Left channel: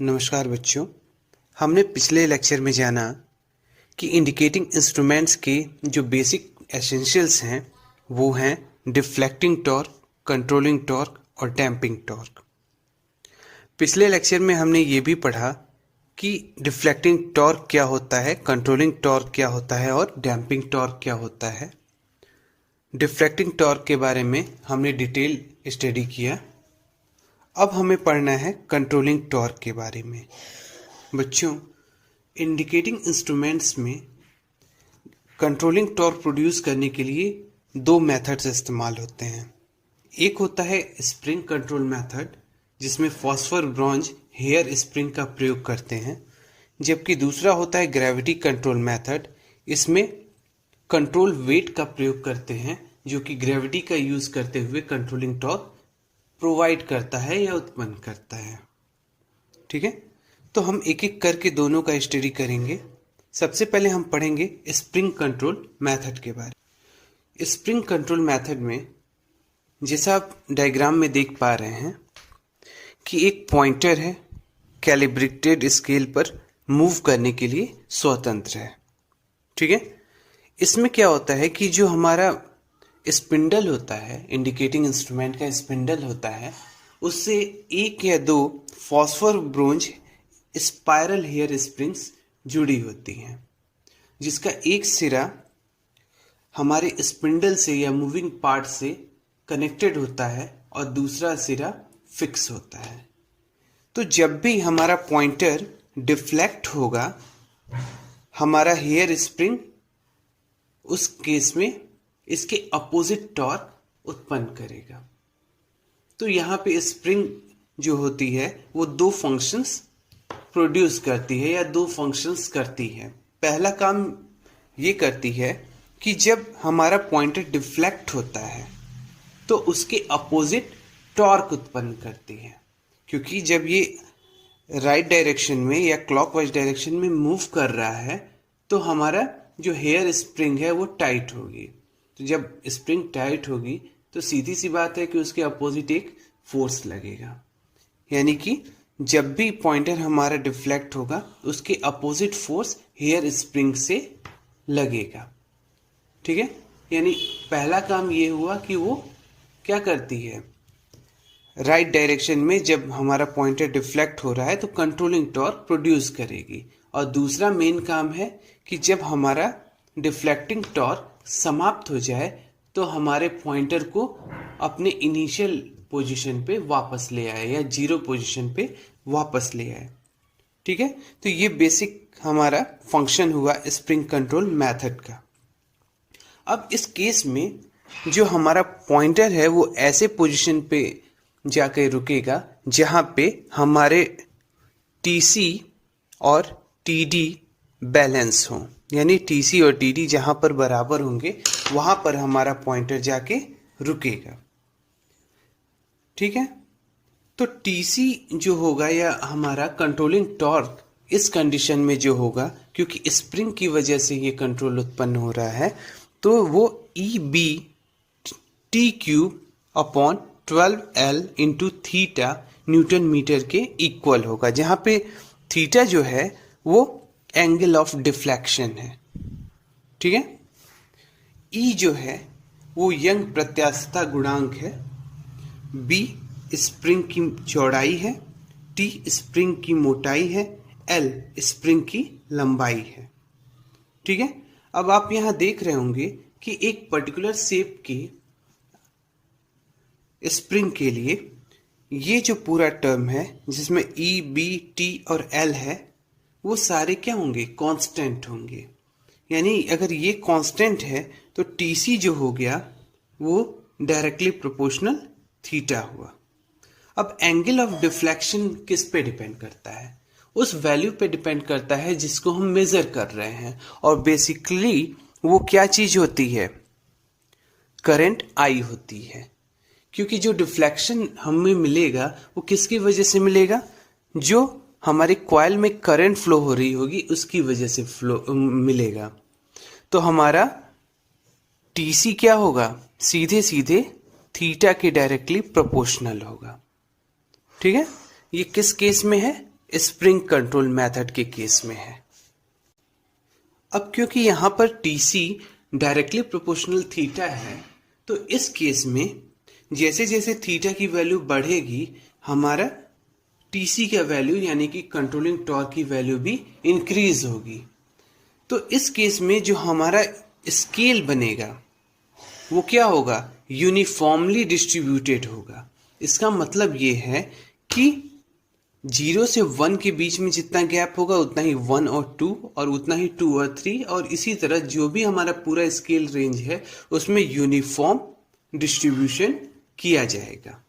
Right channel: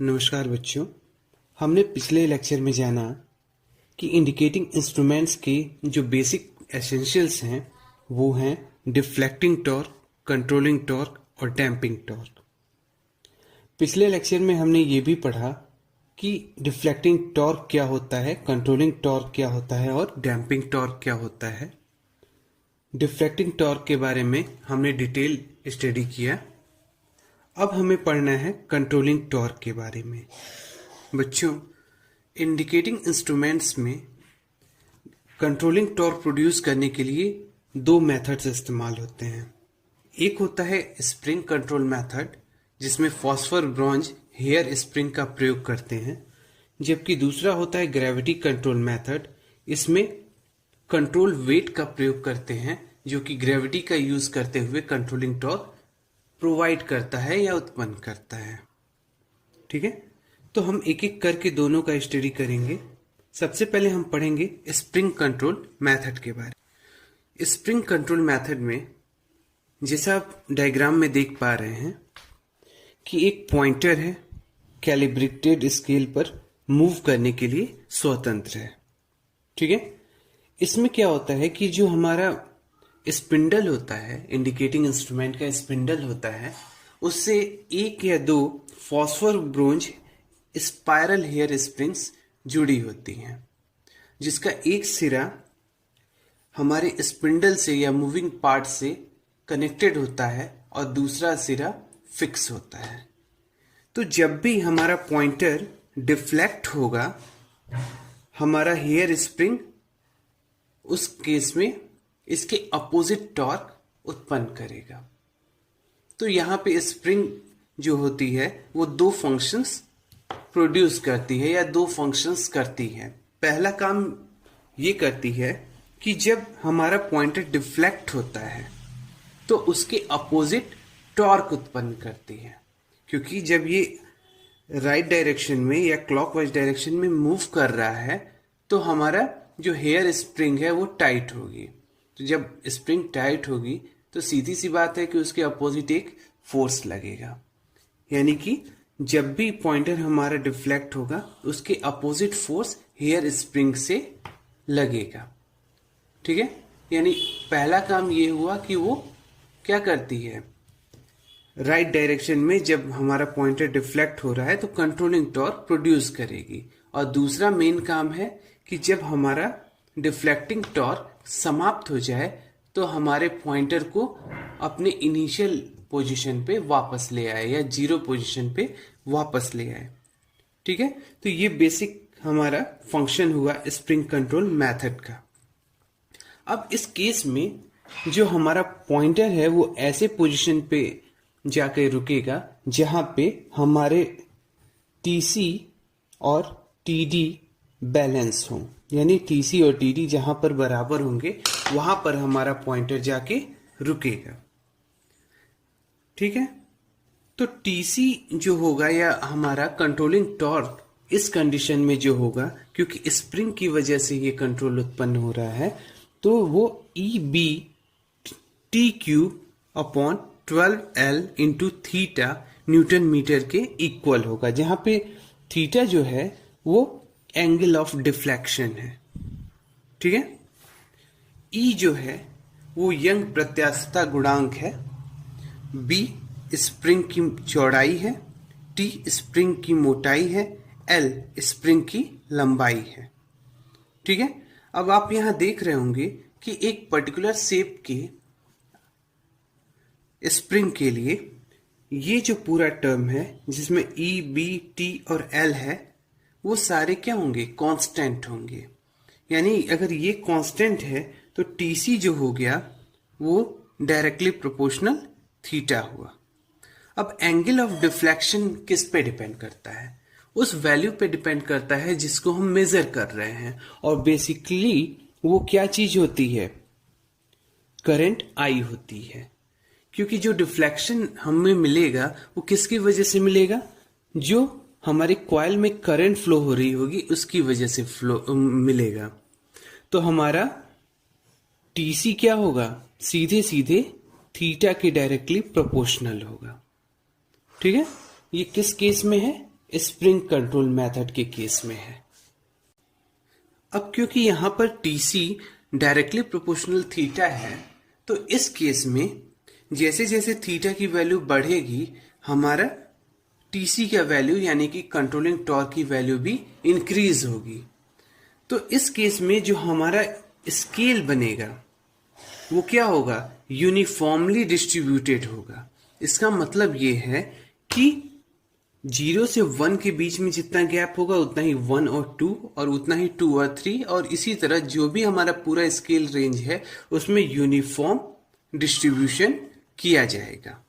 नमस्कार बच्चों। हमने पिछले लेक्चर में जाना कि इंडिकेटिंग इंस्ट्रूमेंट्स के जो बेसिक एसेंशियल्स हैं वो हैं डिफ्लेक्टिंग टॉर्क, कंट्रोलिंग टॉर्क और डैम्पिंग टॉर्क। पिछले लेक्चर में हमने ये भी पढ़ा कि डिफ्लेक्टिंग टॉर्क क्या होता है, कंट्रोलिंग टॉर्क क्या होता है और डैम्पिंग टॉर्क क्या होता है। डिफ्लेक्टिंग टॉर्क के बारे में हमने डिटेल स्टडी किया। अब हमें पढ़ना है कंट्रोलिंग टॉर्क के बारे में। बच्चों, इंडिकेटिंग इंस्ट्रूमेंट्स में कंट्रोलिंग टॉर्क प्रोड्यूस करने के लिए दो मेथड्स इस्तेमाल होते हैं। एक होता है स्प्रिंग कंट्रोल मेथड, जिसमें फॉस्फर ब्रॉन्ज हेयर स्प्रिंग का प्रयोग करते हैं, जबकि दूसरा होता है ग्रेविटी कंट्रोल मेथड। इसमें कंट्रोल वेट का प्रयोग करते हैं, जो कि ग्रेविटी का यूज करते हुए कंट्रोलिंग टॉर्क प्रोवाइड करता है या उत्पन्न करता है। ठीक है, तो हम एक एक करके दोनों का स्टडी करेंगे। सबसे पहले हम पढ़ेंगे स्प्रिंग कंट्रोल मेथड के बारे में। स्प्रिंग कंट्रोल मेथड में जैसा आप डायग्राम में देख पा रहे हैं कि एक पॉइंटर है, कैलिब्रेटेड स्केल पर मूव करने के लिए स्वतंत्र है। ठीक है, इसमें क्या होता है कि जो हमारा स्पिंडल होता है, इंडिकेटिंग इंस्ट्रूमेंट का स्पिंडल होता है, उससे एक या दो phosphor bronze spiral hair springs जुड़ी होती हैं, जिसका एक सिरा हमारे स्पिंडल से या मूविंग पार्ट से कनेक्टेड होता है और दूसरा सिरा फिक्स होता है। तो जब भी हमारा पॉइंटर डिफ्लेक्ट होगा, हमारा हेयर स्प्रिंग उस केस में इसके अपोजिट टॉर्क उत्पन्न करेगा। तो यहाँ पे स्प्रिंग जो होती है वो दो फंक्शंस प्रोड्यूस करती है या दो फंक्शंस करती है। पहला काम ये करती है कि जब हमारा पॉइंटर डिफ्लेक्ट होता है तो उसके अपोजिट टॉर्क उत्पन्न करती है, क्योंकि जब ये राइट डायरेक्शन में या क्लॉकवाइज डायरेक्शन में मूव कर रहा है तो हमारा जो हेयर स्प्रिंग है वो टाइट होगी। तो जब स्प्रिंग टाइट होगी तो सीधी सी बात है कि उसके अपोजिट एक फोर्स लगेगा, यानी कि जब भी पॉइंटर हमारा डिफ्लेक्ट होगा उसके अपोजिट फोर्स हेयर स्प्रिंग से लगेगा। ठीक है, यानी पहला काम ये हुआ कि वो क्या करती है, राइट डायरेक्शन में जब हमारा पॉइंटर डिफ्लेक्ट हो रहा है तो कंट्रोलिंग टॉर्क प्रोड्यूस करेगी। और दूसरा मेन काम है कि जब हमारा डिफ्लेक्टिंग टॉर्क समाप्त हो जाए तो हमारे पॉइंटर को अपने इनिशियल पोजीशन पे वापस ले आए या जीरो पोजीशन पे वापस ले आए। ठीक है, तो ये बेसिक हमारा फंक्शन हुआ स्प्रिंग कंट्रोल मेथड का। अब इस केस में जो हमारा पॉइंटर है वो ऐसे पोजीशन पे जाके रुकेगा जहां पे हमारे टीसी और टीडी बैलेंस हो, यानी टीसी और टीडी जहां पर बराबर होंगे वहां पर हमारा पॉइंटर जाके रुकेगा। ठीक है, तो टीसी जो होगा या हमारा कंट्रोलिंग टॉर्क इस कंडीशन में जो होगा, क्योंकि स्प्रिंग की वजह से ये कंट्रोल उत्पन्न हो रहा है, तो वो E B T cube upon 12L into theta newton metre के इक्वल होगा, जहां पे थीटा जो है वो एंगल ऑफ डिफ्लेक्शन है। ठीक है, ई जो है वो यंग प्रत्यास्थता गुणांक है, बी स्प्रिंग की चौड़ाई है, टी स्प्रिंग की मोटाई है, एल स्प्रिंग की लंबाई है। ठीक है, अब आप यहां देख रहे होंगे कि एक पर्टिकुलर शेप के स्प्रिंग के लिए ये जो पूरा टर्म है जिसमें ई बी टी और एल है वो सारे क्या होंगे, कांस्टेंट होंगे। यानी अगर ये कांस्टेंट है तो टीसी जो हो गया वो डायरेक्टली प्रोपोर्शनल थीटा हुआ। अब एंगल ऑफ डिफ्लेक्शन किस पे डिपेंड करता है, उस वैल्यू पे डिपेंड करता है जिसको हम मेजर कर रहे हैं, और बेसिकली वो क्या चीज होती है, करंट आई होती है। क्योंकि जो डिफ्लेक्शन हमें मिलेगा वो किसकी वजह से मिलेगा, जो हमारे कॉइल में करंट फ्लो हो रही होगी उसकी वजह से फ्लो मिलेगा। तो हमारा टीसी क्या होगा, सीधे सीधे थीटा के डायरेक्टली प्रोपोर्शनल होगा। ठीक है, ये किस केस में है, स्प्रिंग कंट्रोल मेथड के केस में है। अब क्योंकि यहां पर टीसी डायरेक्टली प्रोपोर्शनल थीटा है, तो इस केस में जैसे जैसे थीटा की वैल्यू बढ़ेगी हमारा टीसी का वैल्यू यानी कि कंट्रोलिंग टॉर्क की वैल्यू भी इंक्रीज होगी। तो इस केस में जो हमारा स्केल बनेगा वो क्या होगा, यूनिफॉर्मली डिस्ट्रीब्यूटेड होगा। इसका मतलब ये है कि 0 से 1 के बीच में जितना गैप होगा उतना ही 1 और 2 और उतना ही 2 और 3 और इसी तरह जो भी हमारा पूरा स्केल रेंज है उसमें यूनिफॉर्म डिस्ट्रीब्यूशन किया जाएगा।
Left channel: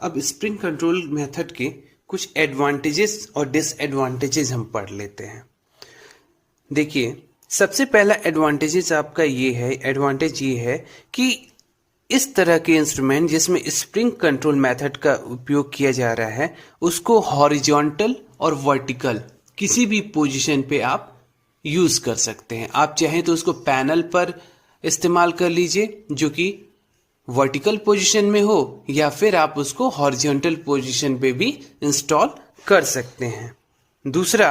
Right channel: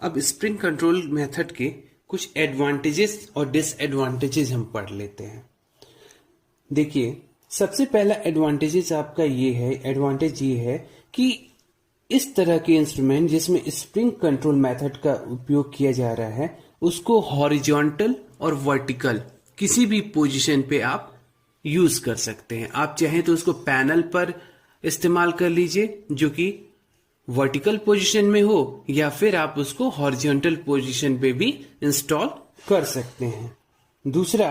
अब स्प्रिंग कंट्रोल मेथड के कुछ एडवांटेजेस और डिसएडवांटेजेस हम पढ़ लेते हैं। देखिए, सबसे पहला एडवांटेज ये है कि इस तरह के इंस्ट्रूमेंट जिसमें स्प्रिंग कंट्रोल मेथड का उपयोग किया जा रहा है उसको हॉरिजॉन्टल और वर्टिकल किसी भी पोजीशन पे आप यूज कर सकते हैं। आप चाहें तो उसको पैनल पर इस्तेमाल कर लीजिए जो कि वर्टिकल पोजीशन में हो, या फिर आप उसको हॉरिजॉन्टल पोजीशन पे भी इंस्टॉल कर सकते हैं। दूसरा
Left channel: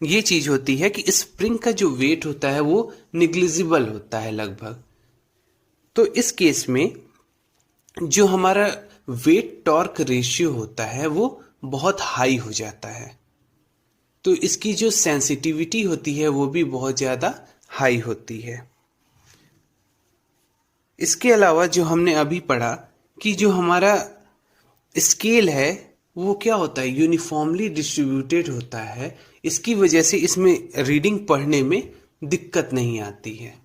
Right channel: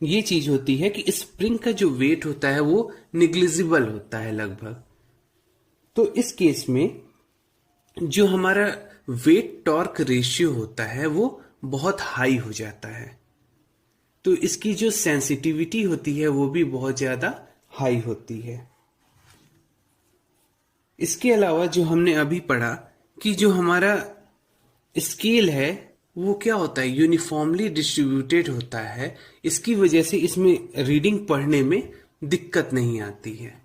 ये चीज होती है कि स्प्रिंग का जो वेट होता है वो निग्लिजिबल होता है लगभग। तो इस केस में जो हमारा वेट टॉर्क रेशियो होता है वो बहुत हाई हो जाता है, तो इसकी जो सेंसिटिविटी होती है वो भी बहुत ज्यादा हाई होती है। इसके अलावा जो हमने अभी पढ़ा कि जो हमारा स्केल है वो क्या होता है, यूनिफॉर्मली डिस्ट्रीब्यूटेड होता है। इसकी वजह से इसमें रीडिंग पढ़ने में दिक्कत नहीं आती है।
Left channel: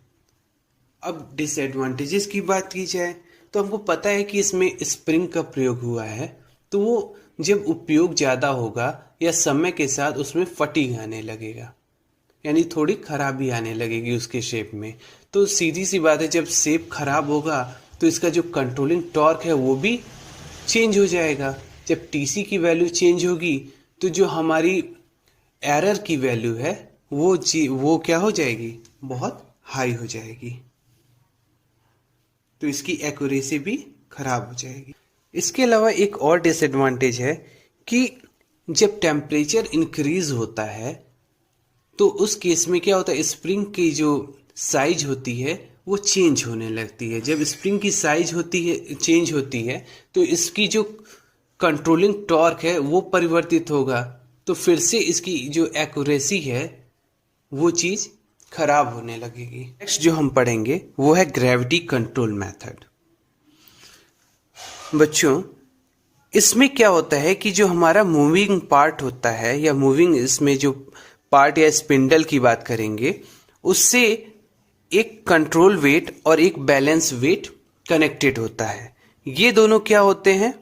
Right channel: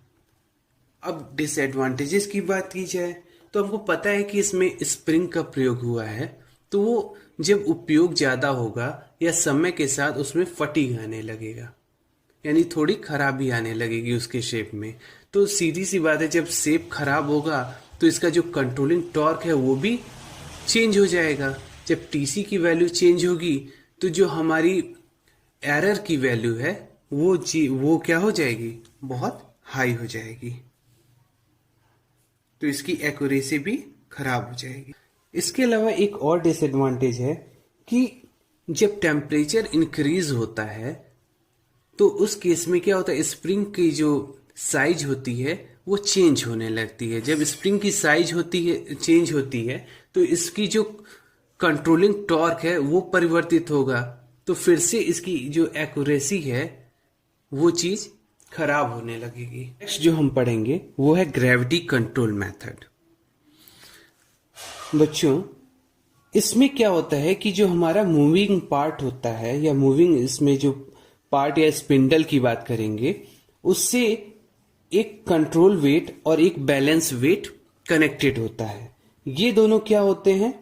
अब डिसएडवांटेजेस की बात की जाए तो हमको पता है कि इसमें स्प्रिंग का प्रयोग हुआ है, तो वो जब उपयोग ज़्यादा होगा या समय के साथ उसमें फटीग आने लगेगा, यानी थोड़ी खराबी आने लगेगी उसके शेप में। तो सीधी सी बात है, जब शेप खराब होगा तो इसका जो कंट्रोलिंग टॉर्क है वो भी चेंज हो जाएगा। जब टीसी की वैल्यू चेंज होगी तो जो हमारी एरर की वैल्यू है वो क्या हो जाएगी, बहुत हाई हो जाएगी, तो इसकी एक्यूरेसी भी खराब हो जाएगी। इसके अलावा एक और डिसएडवांटेज है कि जब टेम्परेचर इंक्रीज होता है तो उस केस में क्या होता है, स्प्रिंग की जो साइज होती है वो चेंज होने लगती है। जब स्प्रिंग की साइज चेंज होती है तो इसकी जो कंट्रोलिंग टॉर्क है वो परिवर्तित होगा, तो फिर से इसकी जो एक्यूरेसी है वो चीज खराब होने लगेगी। नेक्स्ट जो हम पढ़ेंगे वो है ग्रेविटी कंट्रोल मेथड। बच्चों, इसमें क्या होता है कि जो हमारा मूविंग पार्ट होता है या मूविंग इसमें जो पार्ट या स्पिंडल की बात करेंगे, उससे एक कंट्रोल वेट और एक बैलेंस वेट कनेक्टेड होता है। ये दोनों क्या होते हैं,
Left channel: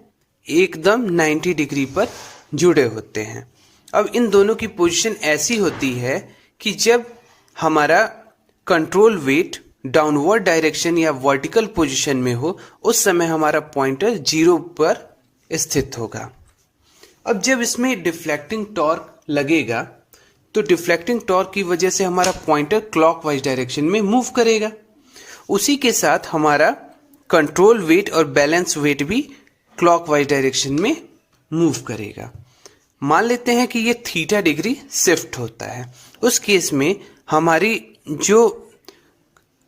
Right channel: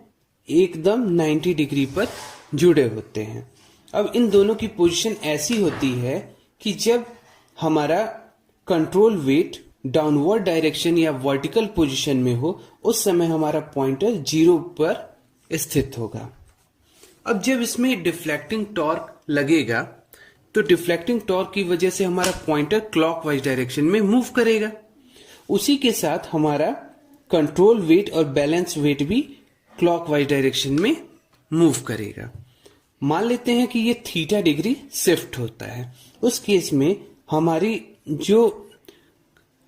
एकदम 90 डिग्री पर जुड़े होते हैं। अब इन दोनों की पोजीशन ऐसी होती है कि जब हमारा कंट्रोल वेट डाउनवर्ड डायरेक्शन या वर्टिकल पोजीशन में हो उस समय हमारा पॉइंटर 0 पर स्थित होगा। अब जब इसमें डिफ्लेक्टिंग टॉर्क लगेगा तो डिफ्लेक्टिंग टॉर्क की वजह से हमारा पॉइंटर क्लॉकवाइज डायरेक्शन में मूव करेगा। उसी के साथ हमारा कंट्रोल वेट और बैलेंस वेट भी क्लॉकवाइज डायरेक्शन में मूव करेगा। मान लेते हैं कि ये थीटा डिग्री शिफ्ट होता है, उस केस में हमारी जो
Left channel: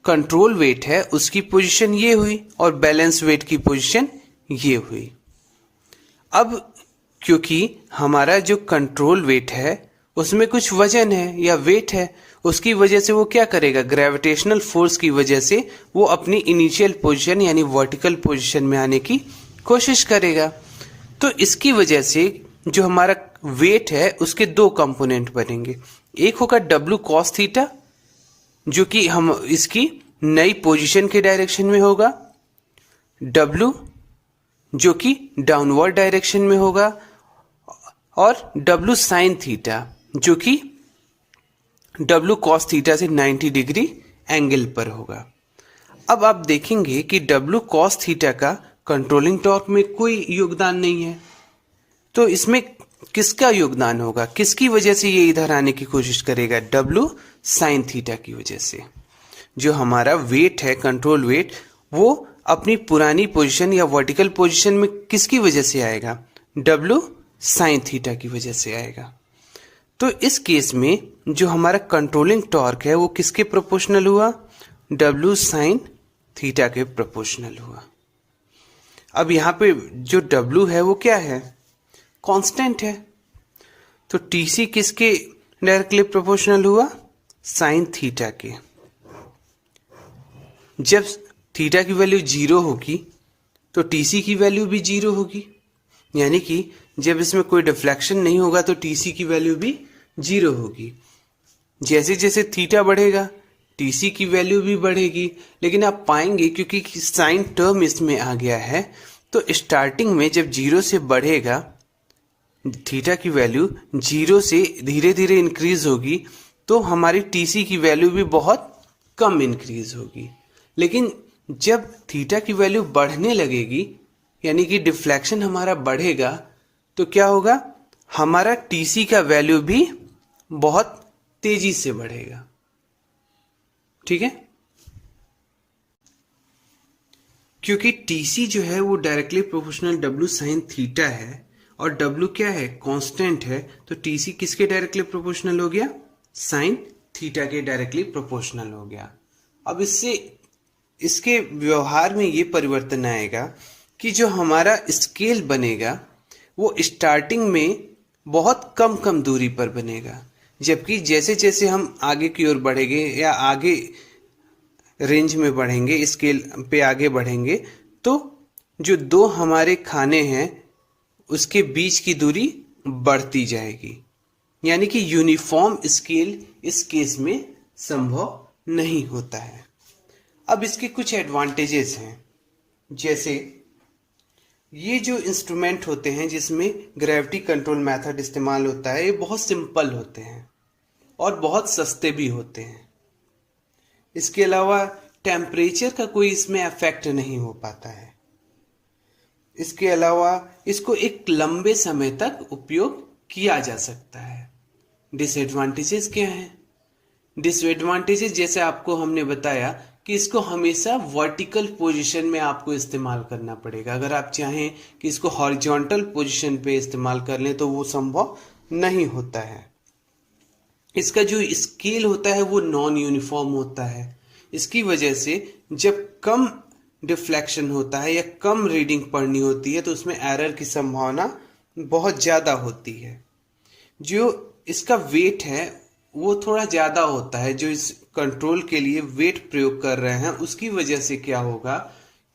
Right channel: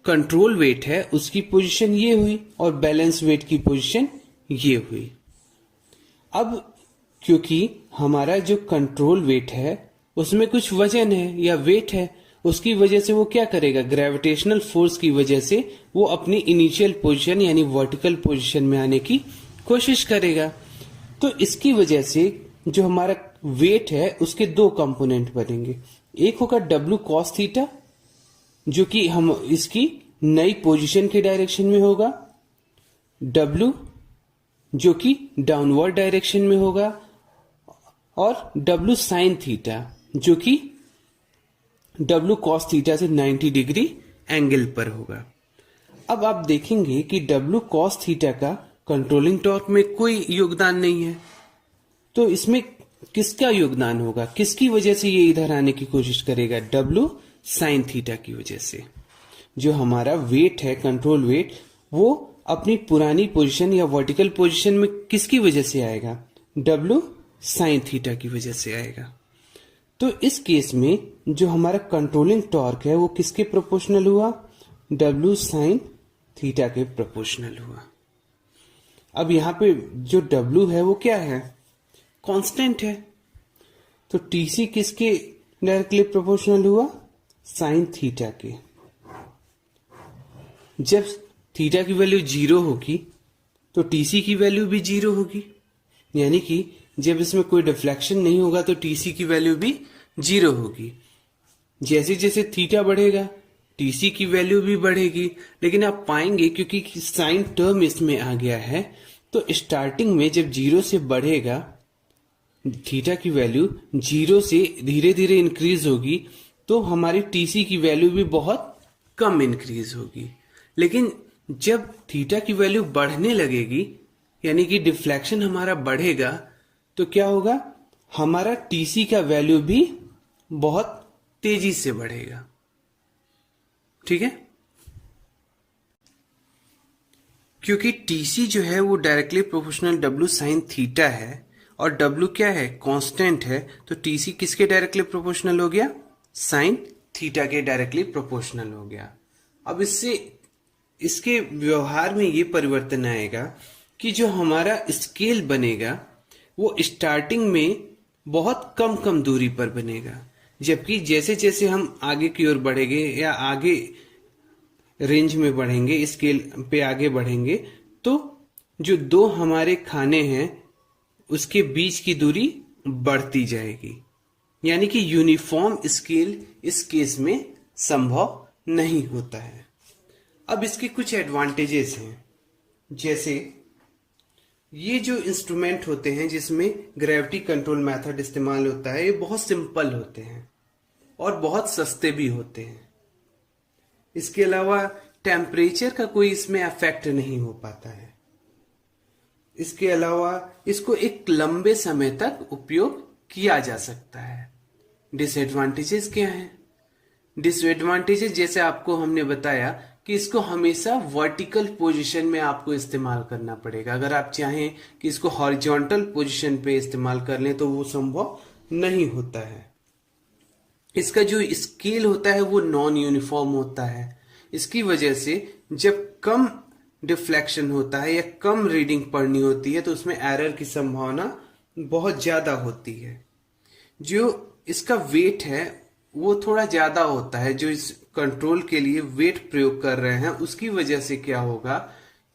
कंट्रोल वेट है उसकी पोजीशन ये हुई और बैलेंस वेट की पोजीशन ये हुई। अब क्योंकि हमारा जो कंट्रोल वेट है उसमें कुछ वजन है या वेट है, उसकी वजह से वो क्या करेगा, ग्रेविटेशनल फोर्स की वजह से वो अपनी इनिशियल पोजीशन यानी वर्टिकल पोजीशन में आने की कोशिश करेगा। तो इसकी वजह से जो हमारा वेट है उसके दो कंपोनेंट बनेंगे। एक होगा W cos थीटा जो कि हम इसकी नई पोजीशन के डायरेक्शन में होगा, W जो कि डाउनवर्ड डायरेक्शन में होगा, और W sin थीटा जो कि W cos थीटा से 90 डिग्री एंगल पर होगा। अब आप देखेंगे कि W cos थीटा का कंट्रोलिंग टॉर्क में कोई योगदान नहीं है, तो इसमें किसका योगदान होगा, किसकी वजह से ये इधर आने की कोशिश करेगा, W sin थीटा की वजह से। जो हमारा वेट है, कंट्रोल वेट, वो अपनी पुरानी पोजीशन या वर्टिकल पोजीशन में किसकी वजह से आएगा, W साइन थीटा की वजह से आएगा। तो इस केस में जो हमारा कंट्रोलिंग टॉर्क है वो किसके प्रोपोर्शनल हुआ? W साइन थीटा के प्रोपोर्शनल हुआ। अब यहाँ पे जो W है वो क्या है? कांस्टेंट है। तो TC किसके डायरेक्टली प्रोपोर्शनल हुआ? साइन थीटा के। जब थीटा की वैल्यू 0 होगी तो TC की वैल्यू भी 0 होगी, यानी कि जब इसमें कोई डिफ्लेक्शन नहीं होगा तो TC की वैल्यू भी 0 होगी। जैसे जैसे थीटा बढ़ेगा TC की वैल्यू भी बढ़ेगी, लेकिन आप पाएंगे क्योंकि साइन टर्म इसमें आ गया है तो स्टार्टिंग में जब 0 से बढ़ेगा थीटा की वैल्यू 0 से धीरे धीरे इंक्रीज होगी तो हमारी TC की वैल्यू भी बहुत कम इंक्रीज होगी। लेकिन जब थीटा की वैल्यू बढ़ने लगेगी यानी कि डिफ्लेक्शन हमारा बढ़ेगा तो क्या होगा? हमारा TC का वैल्यू भी बहुत तेजी से बढ़ेगा। ठीक है, क्योंकि TC जो है वो directly proportional W sine theta है और W क्या है? कांस्टेंट है। तो TC किसके डायरेक्टली प्रोपोर्शनल हो गया? साइन थीटा के डायरेक्टली प्रोपोर्शनल हो गया। अब इसके व्यवहार में ये परिवर्तन आएगा कि जो हमारा स्केल बनेगा वो स्टार्टिंग में बहुत कम कम दूरी पर बनेगा, जबकि जैसे जैसे हम आगे की ओर बढ़ेंगे या आगे रेंज में बढ़ेंगे, स्केल पे आगे बढ़ेंगे, तो जो दो हमारे खाने हैं उसके बीच की दूरी बढ़ती जाएगी, यानी कि यूनिफॉर्म स्केल इस केस में संभव नहीं होता है। अब इसके कुछ एडवांटेजेस हैं, जैसे ये जो इंस्ट्रूमेंट होते हैं जिसमें ग्रेविटी कंट्रोल मेथड इस्तेमाल होता है ये बहुत सिंपल होते हैं और बहुत सस्ते भी होते हैं। इसके अलावा टेम्परेचर का कोई इसमें अफेक्ट नहीं हो पाता है। इसके अलावा इसको एक लंबे समय तक उपयोग किया जा सकता है। डिसएडवांटेजेस क्या हैं? डिसएडवांटेजेस जैसे आपको हमने बताया कि इसको हमेशा वर्टिकल पोजीशन में आपको इस्तेमाल करना पड़ेगा। अगर आप चाहें कि इसको हॉरिजॉन्टल पोजीशन पे इस्तेमाल कर लें तो वो संभव नहीं होता है। इसका जो स्केल होता है वो नॉन यूनिफॉर्म होता है। इसकी वजह से जब कम डिफ्लेक्शन होता है या कम रीडिंग पढ़नी होती है तो उसमें एरर की संभावना बहुत ज़्यादा होती है। जो इसका वेट है वो थोड़ा ज़्यादा होता है, जो इस कंट्रोल के लिए वेट प्रयोग कर रहे हैं उसकी वजह से क्या होगा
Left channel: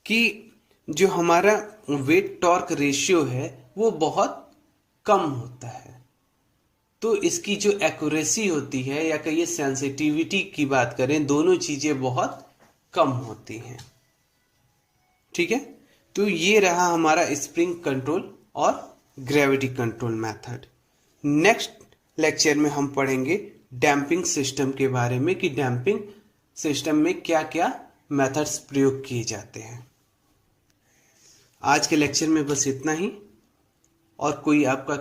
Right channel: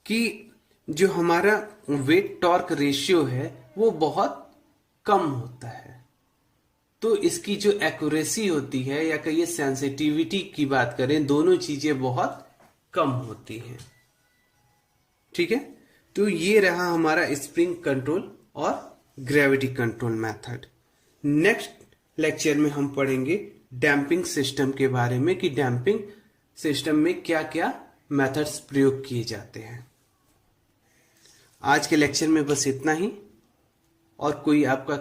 कि जो हमारा वेट टॉर्क रेशियो है वो बहुत कम होता है। तो इसकी जो एक्यूरेसी होती है या कहिए सेंसिटिविटी की बात करें, दोनों चीजें बहुत कम होती हैं। ठीक है, तो ये रहा हमारा स्प्रिंग कंट्रोल और gravity control method. Next lecture में हम पढ़ेंगे डैम्पिंग सिस्टम के बारे में कि डैम्पिंग सिस्टम में क्या क्या मेथड्स प्रयोग किए जाते हैं। आज के लेक्चर में बस इतना ही, और कोई आपका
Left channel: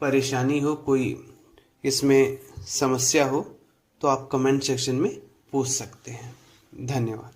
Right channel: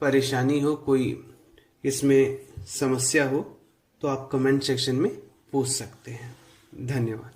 परेशानी हो, कोई इसमें समस्या हो तो आप कमेंट सेक्शन में पूछ सकते हैं। धन्यवाद।